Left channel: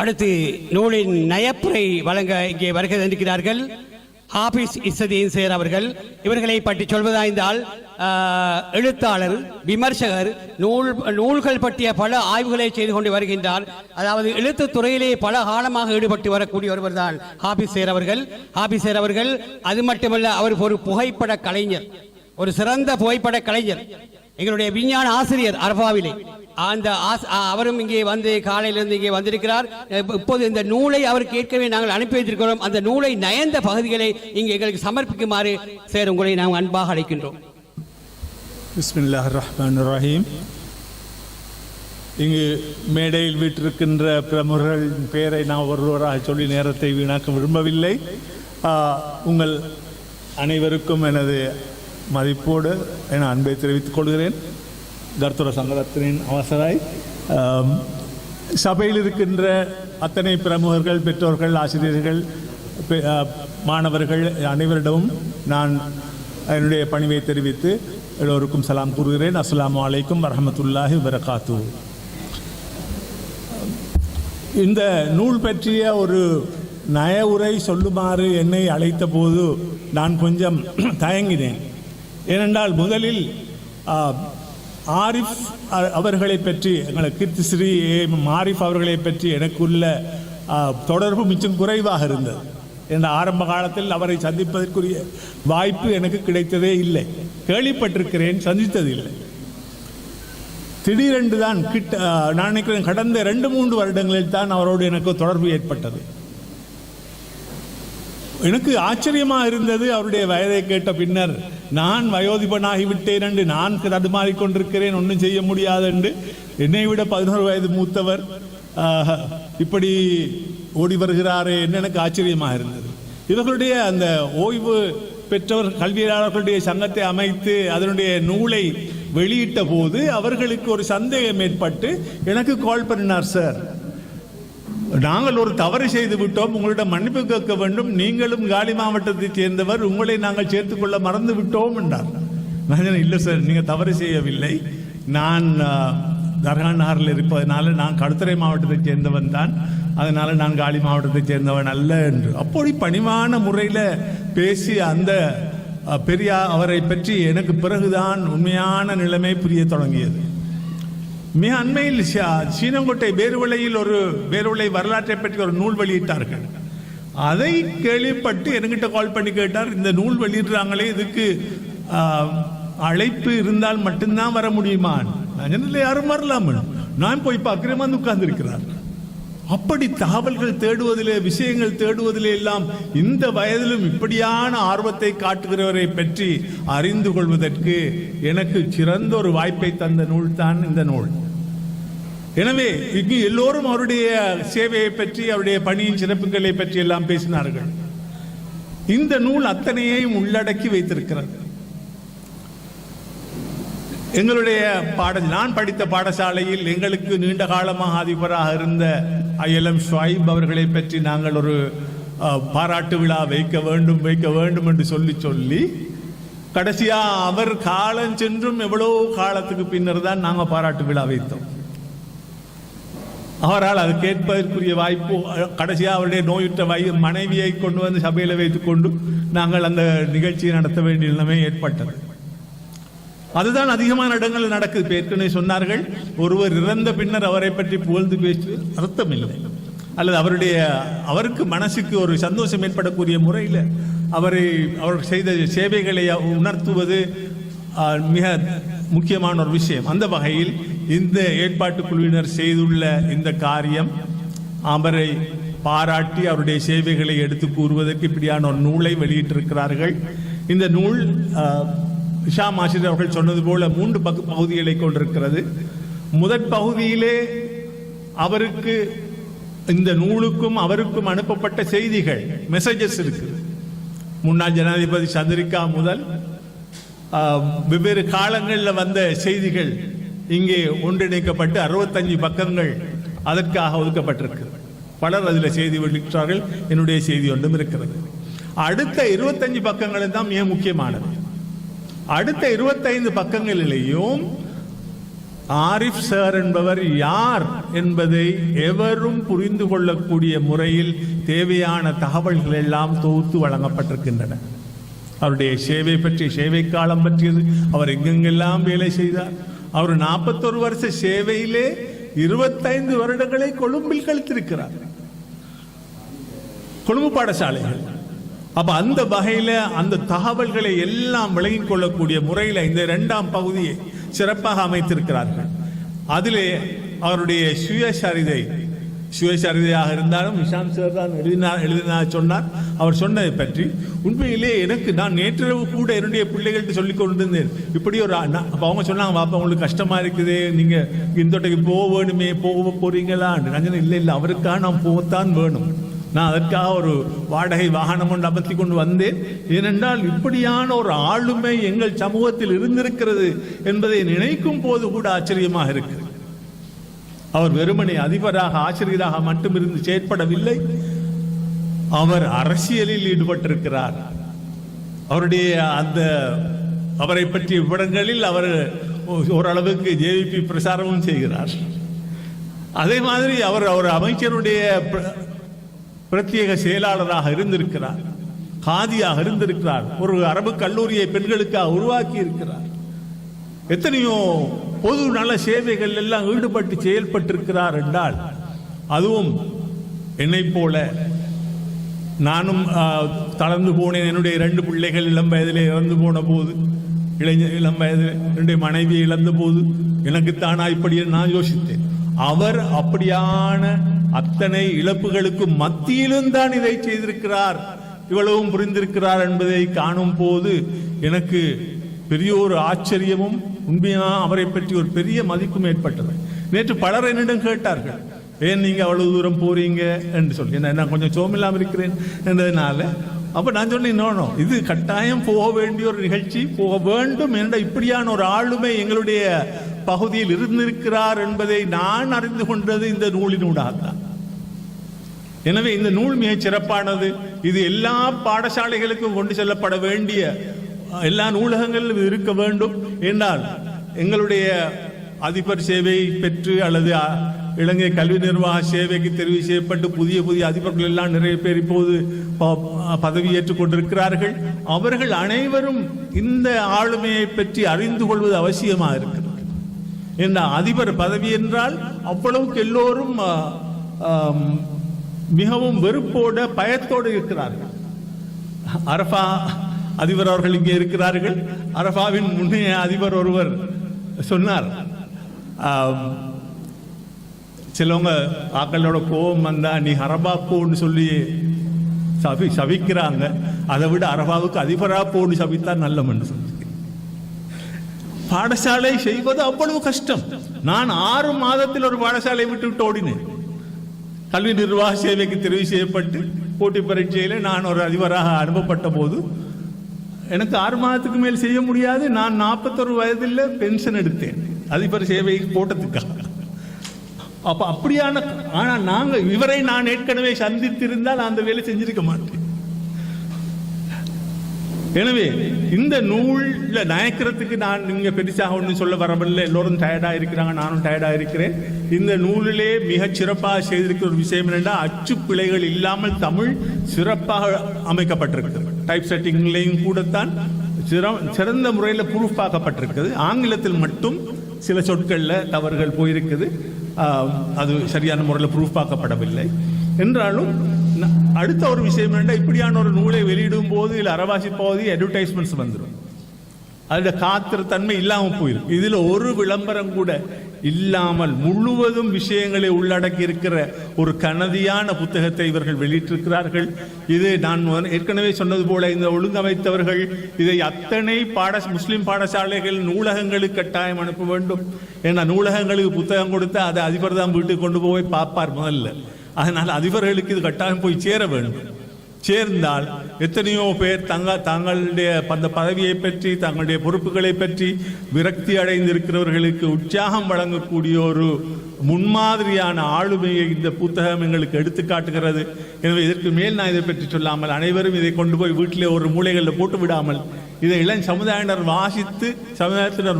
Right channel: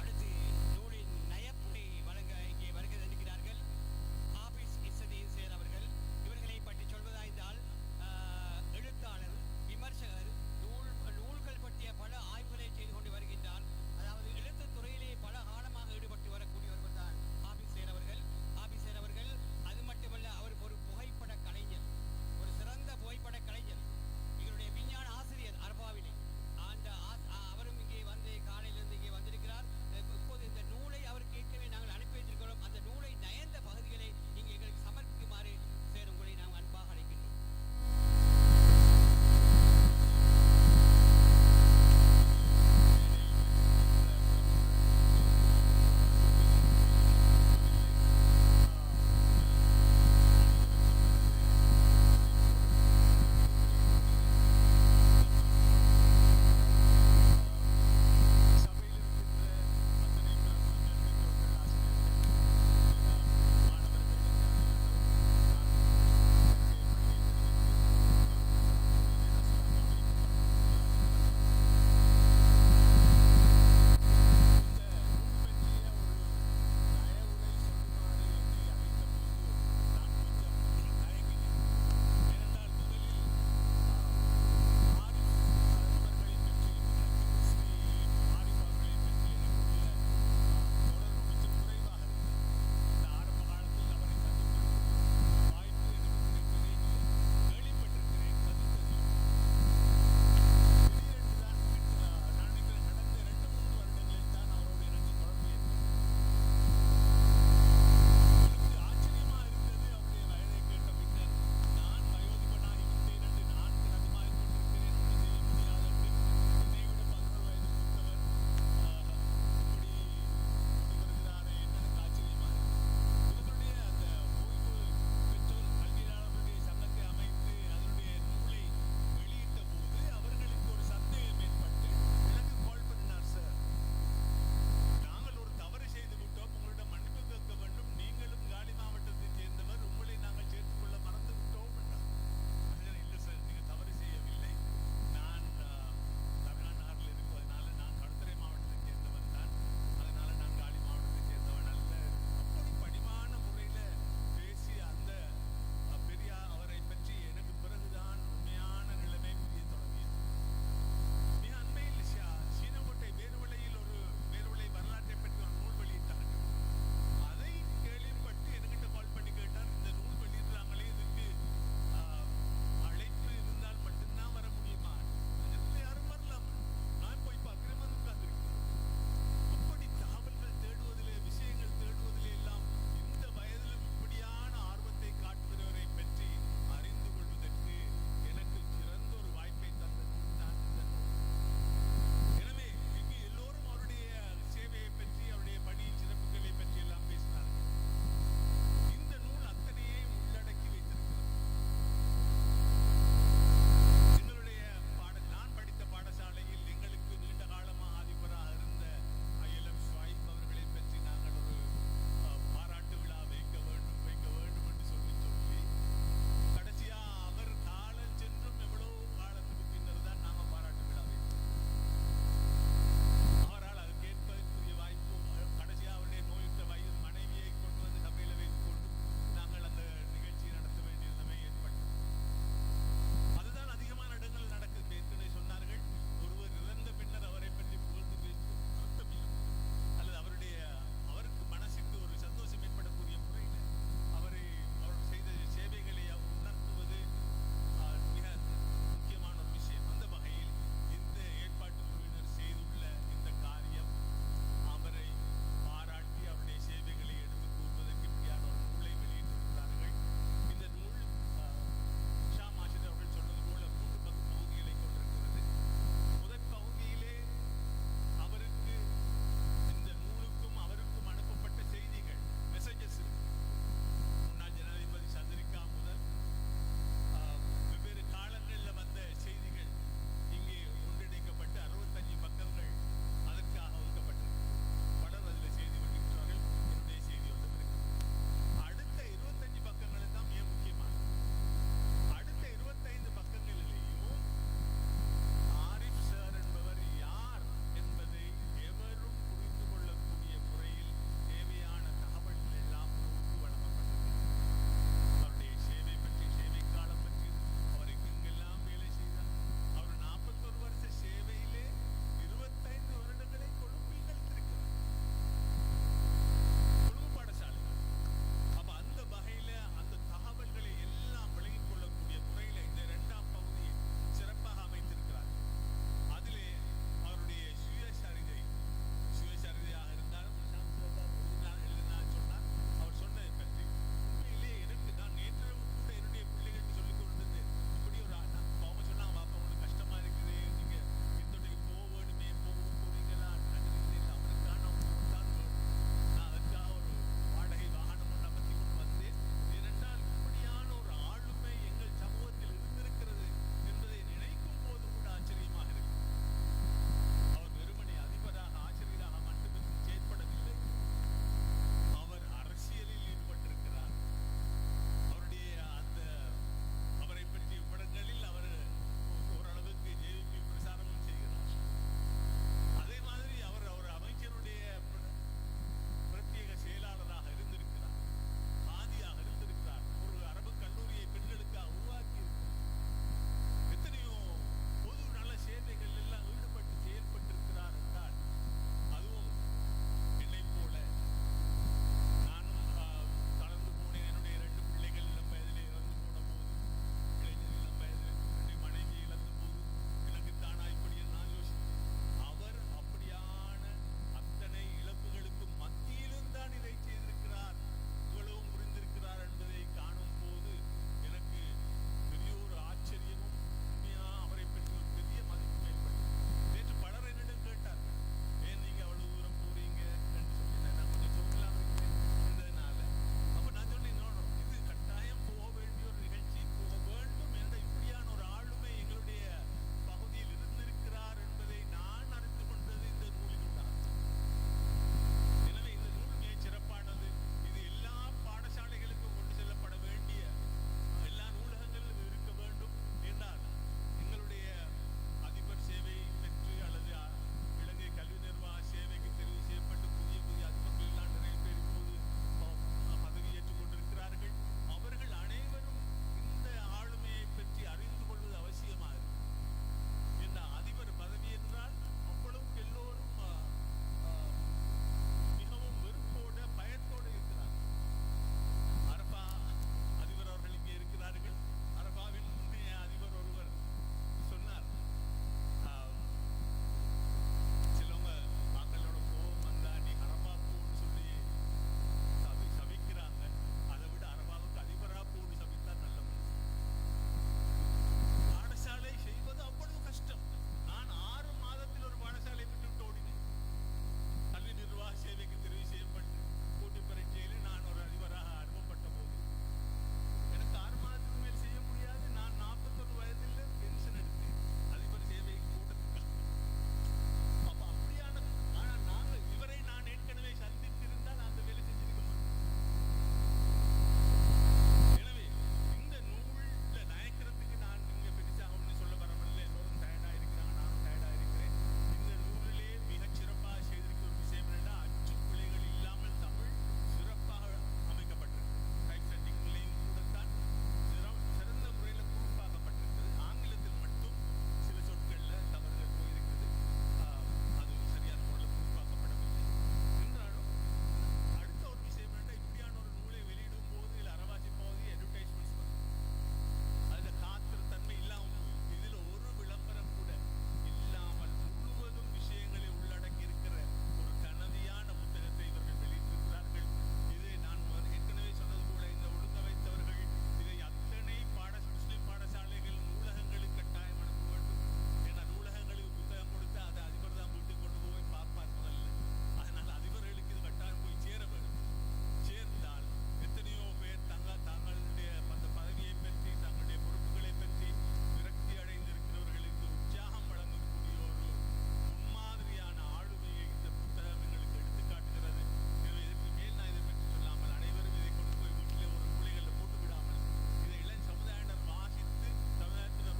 அடுத்து நூலின் நயப்புரை வழங்க இங்கே வருகை தந்திருக்கிறார்கள் ஹாபிஸ் இஸ்ஸதீன் சேர் அவர்கள். இவர்களை பற்றி சொல்வதாய்ந்தால் எழுத்தாளர், விமர்சகர், நூல்கள் பற்றிய பல ஆய்வுகளை செய்து கொண்டு வருகின்றார். அதாவது எழுத்து துறையிலே பல காலமாக ஈடுபட்டு வரக்கூடிய ஒருவர் தான் ஹாபிஸ் சேர் அவர்கள். ஹாபிஸ் சேர் அவர்கள் அது மட்டுமல்ல, அவர் ஒரு புகைப்பட கலைஞர், ஒரு சிறந்த புகைப்பட கலைஞர். எங்களுடைய விஞ்ஞான ஆசிரியர் அரபாவிலே அந்த அவரும் இங்கே வந்து காலையிலிருந்து இங்கே வந்திருக்கிறார். இப்போது இந்த நூலை அவருக்கு ஏற்கனவே நாங்கள் அனுப்பி வைத்திருக்கிறோம். அந்த நூலை நயந்த பகுதிகளை இங்கே எங்களுக்கு சமர்ப்பிக்குமாறு சேர் உங்களை நாங்கள் அன்பாக அழைக்கின்றோம். பிஸ்மில்லாஹிர் ரஹ்மானிர் ரஹீம். இங்கு மேடையில் வீட்டிருக்கின்ற பிரமுகர்கள் பெயரை நான் ஒருவராக சொல்லி நேரத்தை வீணாக்க விரும்பவில்லை. உங்கள் அனைவருக்கும் எனது மதிப்போடு என அன்பை தெரிவித்துக் கொள்கிறேன். தர்த்துர சங்கரத்தின் அவசராய் சபையில் இருக்கின்ற அத்தனை பிரமுகர்கள், பெற்றோர்கள், ஆசிரியர்கள், மாணவர்கள் அனைவரிடமும் நான் என்னுடைய பணிவை தெரிவித்து எல்லோருக்கும் சலாம் கூறுகிறேன். அஸ்ஸலாமு அலைக்கும் வரஹ்மத்துல்லாஹி வபரகாத்துஹு. இந்த நூல் பற்றிய ஒரு நய உரை சொல்லுமாறு என்னை அழைத்த போது நான் கொஞ்சம் தயங்கினேன். ஏனென்றால் முதலில் ஆரிஃப் அவர்களை பற்றி, எங்களுக்கு கீர்த்திஸ்ரீ ஆரிஃப் அவர்களை பற்றி எனக்குள்ள தொடர்பு மிச்சம் குறைவாக இருந்தது. என்ற ஆரம்ப காலத்தில் அவரை சந்திப்பதற்குரிய வாய்ப்பு எனக்கு கிடைத்ததே இல்லை. கேள்விப்பட்டிருக்கிறேன், சந்தித்ததில்லை. திடீரென்று தான் நான் நினைக்கிறேன் கடந்த 2-3 வருடங்களில் தான் அவரோடு எனக்கு தொடர்பு ஏற்பட்டது. எனக்கு ஆச்சரியமாக இருந்தது. அவருடைய வயதை கேட்ட பின்னர் நான் வயோதிபனாகிவிட்டேன் என்று நான் தடுமாறிக்கொண்டிருக்கிறேன், ஒன்றும் செய்ய முடியாது என்று. என்னை விட 11 வயது மூத்தவர் இப்படி ஓடி வருகிறாரே என்று எனக்கு ஆச்சரியமாக இருந்தது. இவர்களுடைய அந்த ஓய்வு பெற்றவர் கல்வியாளர்களுடைய சங்கத்தை அமைத்து அதனுடைய நூலை வெளியிட்ட போது அவர்களுக்கு ஒரு சந்தேகம் ஏற்பட்டு எனக்கு கால் பண்ணினார். சார், நாங்கள் ஒரு தவறு செய்து விட்டோம், உங்களிடம் மன்னிப்பு கேட்க வேண்டும், நீங்களும் காலி மாவட்டத்தைச் சேர்ந்தவர், உங்களை நாங்கள் சேர்த்துக்கொள்ள மறந்து விட்டோம் என்றார். நான் இல்லை சார், நீங்கள் தவறு செய்யவில்லை, நான் தர்கா நகரில் இருப்பதனால நான் கடுத்துறை மாவட்டத்தைச் சேர்ந்தவன் தான், அதனால் நான் காலி மாவட்டத்தைச் சேர்ந்தவன் அல்ல என்று அப்படி பணிவான முறையில் பேசி அந்த அவரை பற்றி எனக்கு பிறகுதான் உண்மையான நிலைமை புரிய தொடங்கியது. மிக அண்மையில் சீனங்கோட்டை வேறுவிளை வரலாற்றை பற்றி ஒரு நூல் வெளியிட்டார்கள். அதை கேள்விப்பட்டு என்கிட்ட கால் பண்ணி கேட்டார், இந்த நூல் வெளியிடுறாங்களே, இதுக்கு அழைப்பு இருந்தால் மட்டும்தான் வர முடியுமா? யாரும் வரலாம். நான் போய் பார்க்கிறேன், வந்து உட்கார்ந்திருக்கிறார். அப்படி தகவல்கள் தேடுவதிலே, விஷயங்கள் தேடுவதிலே எல்லாம் இந்த வயதிலும் இப்படியான ஆர்வத்தை காட்டுகிறவரை பற்றி அறிந்து கொள்வதற்கு எனக்கு சிறந்த ஒரு வாய்ப்பை தந்த நூல் தான் இந்த நூல். எனவே இங்கு எல்லோரும் அவருடைய சேவையை பற்றி, அவருடைய பணியின் சிறப்புகளை பற்றி எல்லாம் பேசினார்கள். இந்த நூல் அத்தனையையும் உள்ளடக்கி வைத்திருக்கிறது. எங்களுடைய நான் படித்த பாடசாலையில் எங்களுக்கு நீண்ட காலமாக அதிபராக இருந்த ILM ஷுவைப் அவர்களை பற்றி நாங்கள் ஒரு பாராட்டு விழா வைக்க வேண்டும் என்று சொல்லி கடைசியா அவர் காலம் சென்றும் எவ்வளவு காலத்துக்கு பின்னர் தான் நாங்கள் பாராட்டு விழா வைத்தோம். அவரால் அது கேட்பதற்குரிய வாய்ப்பு, கடைசியாக அவருடைய நோயுற்ற மனைவியை கொண்டு வந்து சபையில் வைத்துக் கொண்டு நாங்கள் அந்த நிகழ்ச்சியை நடத்த வேண்டிய நிலைமை ஏற்பட்டது. அதுதான் அதிகமான இடங்கள் நடக்குது. ஏற்கனவே சொன்னார்கள், ஒருவர் இறந்த பின்னர் அவரை பற்றி புகழ்ந்து பேசுவது அர்த்தம் இல்லை, அல்லது அவருக்கு மனசுக்கு ஒரு சந்தோஷம் ஏற்படக்கூடிய முறையில் அவர் செய்த சேவைகளை உணர்த்துவது மிக முக்கியமான ஒரு விஷயம். அந்த வகையில் இந்த ஏற்பாட்டு குழுவினர் செய்துள்ள இந்த காரியம் அவரை பாராட்டி அவருடைய சேவைகளை எடுத்து கூறுவதற்கு இப்படியான ஒரு நூலை வெளியிட்டிருக்கிறார்கள். இந்த நூல் ஹிஷாம் ஆசிரியர் அவர்கள் சொன்னது போல 3 பகுதிகளை கொண்டிருக்கிறது. முதற் பகுதியிலே அவருக்கு, இந்த நூலுக்கும் அவருக்கும் அனுப்பப்பட்ட செய்திகள், மெசேஜஸ் இருக்கு. முன்னாள் ஜனாதிபதி சந்திரிகா முதல் வெவ்வேறு காலங்களில் வந்த செய்திகள் இங்கே ஒன்றிணைக்கப்பட்டு 65 பக்கங்கள் அதற்காக ஒதுக்கப்பட்டிருக்கு. பலர் அதில் செய்தி வெளியிட்டார்கள். என்னுடைய செய்தி ஒன்றும் இருக்கிறது. அடுத்த 25 பக்கங்கள் தான் மிக முக்கியமானது. அடுத்த 25 பக்கங்களிலேயும் ஆரிஃப் சார் என்பவர் யார் என்பதை எவரும் புரிந்து கொள்ளக்கூடிய முறையில் தேவையான தகவல்கள் எல்லாம் தொகுத்து வழங்கப்பட்டிருக்கின்றன. அவருடைய சேவை பற்றிய சேவை காலம் பற்றியது, அவர் எங்கெங்கெல்லாம் வேலை செய்தார். அவர் 41 வருஷ சேவையிலே 25 வருடங்களை கொழும்பில் கழித்திருக்கிறார், கொழும்பு பாடசாலைகள். அப்ப அந்த வகையில அந்த தகவல்களை எல்லாம் விளங்கிக் கொள்ளக்கூடிய முறையில் இந்த 2ஆம் பகுதியை சிறப்பாக அமைத்திருக்கிறார்கள். அதிலே அவருடைய சுயசரிதையாக இருந்தாலும் நிஷாந்த் சார் தான் எழுதினார் சொன்னார். அவர் சொன்னதை பற்றி உண்மையிலே நான் நேற்றிரவு கூட என்னுடைய பிள்ளைகள்கிட்ட சொல்லிக் கொண்டிருந்தேன். இப்படி ஒரு அவங்க சொன்னாங்க, பாப்பா உங்களுக்கு கஷ்டமா இருக்குது, நீங்க இந்தோட்டைக்கு போக வேணுமே, போக போறீங்களா? இல்லை இல்லை, அவருக்காக நான் போகத்தான் வேணும். நான் அதற்காக ஒரு வாடகை வாகனம் ஒன்று அமர்த்தி கொண்டு வந்தேன். ஏனென்றால் இப்படியான ஒரு ஆளுமை எங்கள் சமூகத்தில் இருந்திருக்கிறது என்பதை நினைக்கும் போது கூட ஆச்சரியமாக இருக்கிறது. அவர் வெறுமனே அதிபராக ஆசிரியராக மட்டும் இருந்து செயற்படவில்லை, அவர் அரசியலில் ஈடுபட்டிருக்கிறார். அவரை பற்றிய விவரங்களில் அவர் ஓரளவுக்கு ஜேவிபி பிரசாரமும் செய்கிறார். அதே மாதிரி அவர் அமைச்சருடைய பிரத்யேக செயலாளராக இருந்திருக்கிறார், காதியாக இருந்திருக்கிறார், ஒரு அரபு கல்லூரியை பெண்களுக்காக உருவாக்கி இருக்கிறார். எத்தனையோ பொது நல சேவைகள் எல்லாம் ஈடுபட்டு செயல்பட்டிருக்கிறார் என்றால், அதுவும் என்னை போல நானும் தளர்ந்து போனேன். என்னுடைய 2 பிள்ளைகள் இளம் வயதிலே இறந்து போன போது, இளம் வயதில் என்னுடைய மனைவியை இழந்த போது எனக்குத்தானா இப்படி நான் யோசித்தேன். அவர் அப்படியான அத்தனை இழப்புகளுக்கு மத்தியிலும் தான் இதை செய்திருக்கிறார், இவ்வளவும் புரிந்திருக்கிறார் என்பதை காணும் போது எனக்கு பெரிய ஒரு ஆச்சரியமும் உண்மையா அவரை பற்றி ஒரு பெரிய மதிப்பும் ஏற்பட்டது. நேற்று பலர் என்னிடம் கேட்டார்கள், ஏன் நீங்க அவ்வளவு தூரம் போறீங்க என்று சொல்லி. நான் கொஞ்சம் சோமில்லாமல் இருக்கிறேன் என்றதுனால அப்ப நான் சொன்னேன், இது கட்டாயம் போக வேண்டிய ஒரு நிகழ்ச்சி, போக வேண்டும் என்ற இப்படியான ஒரு ஆளுமை எங்களுடைய பகுதியில் இருந்திருக்கிறார் என்பதை நான் அறிந்து கொண்டது இந்த நூலினூடாகத்தான். எனவே இந்த நூல் மிக சிறப்பானது. இது எல்லா பாடசாலைகளுக்கும் கொண்டு செல்லப்பட வேண்டிய, எல்லா நூலகங்களிலும் இருக்க வேண்டும். என்றால் எங்களுடைய அதிபர் சேவை பெற்று அல்லது இலங்கை கல்வி நிர்வாக சேவைக்கு தெரிவு செய்யப்பட்டு புதிய புதிய அதிபர்கள் எல்லாம் நிறைய பேர் இப்போது பதவியேற்றுக் கொண்டிருக்கிறார்கள். அவர்கள் அனைவரும் இந்த ஆளுமையை பற்றி அறிந்து கொள்வது அவசியமாக இருக்கிறது. என்ற அதிபர் பதவி என்றால் அவ்வளவுக்கு எல்லோரும் மிகவும் வெறுப்போட பயத்தோடு இருக்கிறார்கள். அரபா அதிபர் அவர்கள் இங்கே இருக்கிறார்கள். அரபாவின் முன்னைய அதிபர் ஒருவர் சொன்னார், சிலவங்க ஆக்களோட கோபம் வந்தா நீ அரபா போன்னு சொல்லி சபிக்கிறாங்க, அதை விட அரபாவுக்கு அதிபரா போன்னு சபித்தா நல்ல மனுஷன். பாடசாலை செய்வது அவ்வளவு கஷ்டம். நான் 6 மாதத்தில் ஒரு பாடசாலை விட்டு ஓடினேன். கல்வி நிர்வாக சேவைக்கு தெரிவு செய்யப்பட்டு போட்டி பரீட்சையில நான் ஒரு அதிபராக அனுப்பப்பட்ட போது எனக்கு 6 மாதத்துக்கு மேல் செய்ய முடியாது. நான் 41 வயதில் பென்ஷன் எடுத்தேன் அதிபர் சேவை போட்டதுக்காக. அப்ப அப்படியான, ஆனா இவரை நான் ஏற்கனவே சந்தித்திருந்தால் அந்த வேலை செஞ்சிருக்க மாட்டேன். எனவே இந்த நூல்ல நயக்கிறதுக்கு நான் இங்க பெருசாக ஒன்றும் சொல்ல வரவில்லை. எல்லோரும் டயர்டா இருக்கிறாங்க, நானும் டயர்டா இருக்கிறேன். இந்த நூலிலே மிக சிறப்பாக செய்திருக்கிற ஒரு விஷயம் என்னென்னா, அச்சு பிழைகள் இல்லாமல் தமிழ் சிறப்பாக அமைக்கப்பட்டிருக்கு. டைப் செட்டிங்லையும் கூடத்தான் சிறந்த முறையில் ப்ரூஃப் ஆக்கப்பட்டிருக்குது. ஆங்கிலத்தில் மட்டும் சில சொற்கள்ல தவறுகள் போயிருக்குது, அது சரியான முறையில் ப்ரூஃப் ஆக்கப்படவில்லை. என்றாலும் அடுத்த ஒரு விஷயம் என்னன்னா, இப்படியான ஒரு நூலை வெளியிடும் போது இதில் அறவாசி பகுதி அட்வர்டைஸ்மெண்ட்ஸ் வந்துடும். அதில் காத்திர தன்மை இல்லாமல் போயிடும். இதுல ஒரு விளம்பரம் கூட இல்லாமல் முழுவதும் விஷயங்களை உள்ளடக்கி இருக்கிற ஒரு கனதியான புத்தகத்தை இவர்கள் வெளியிட்டிருக்கிறார்கள். இது நான் ஏற்கனவே சொன்னது போல இந்த ஒழுங்கமைத்தவர்கள் இதை அத்தனை முஸ்லிம் பாடசாலைகள் நூலகங்களுக்கு கட்டாயம் அனுப்ப வேண்டும். ஏன்னா நூலகங்களுக்கு புத்தகம் கொடுத்தா அதை அதிபர் தான் வீட்டுக்கு கொண்டு போய் பார்ப்பார் முதல்ல. அதனால் அதிபர்களுக்கு இது கட்டாயம் போய் சேர வேண்டும். சேர்ந்தால் எத்தனையோ பேர் தங்களுடைய அந்த பதவியை பற்றி தங்களுடைய பொறுப்புகளை பற்றி விரக்தி அடைந்திருக்கிறவர்களுக்கு உற்சாகம் வழங்கக்கூடிய ஒரு முன்மாதிரியான ஆளுமையை இந்த புத்தகம் எங்களுக்கு எடுத்து காட்டுகிறது. எனவே இதற்கு மேல் நான் இதை பற்றி சொல்லாமல் அனைவரும் இதை கொண்டு போய் வீட்டிலே ஒரு மூலைகளில் போட்டு விடாமல் இதை இளம் சமுதாயத்தினர்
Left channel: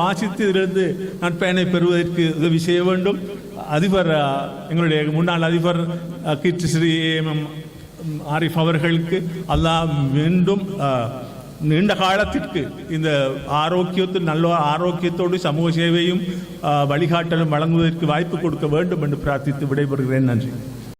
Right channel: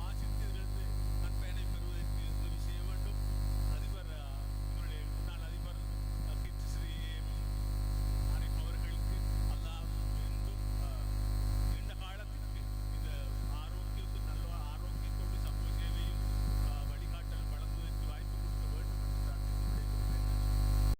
வாசித்து இதிலிருந்து நற்பயனை பெறுவதற்கு உதவி செய்ய வேண்டும். அதிபர் எங்களுடைய முன்னாள் அதிபர் கீர்த்தி ஸ்ரீ ஆரிஃப் அவர்களுக்கு அல்லாஹ் மீண்டும் நீண்ட காலத்திற்கு இந்த நல்ல ஆரோக்கியத்தோடு சமூக சேவையும் வழிகாட்டலும் வழங்குவதற்கு வாய்ப்பு கொடுக்க வேண்டும் என்று பிரார்த்தித்து விடைபெறுகிறேன். நன்றி.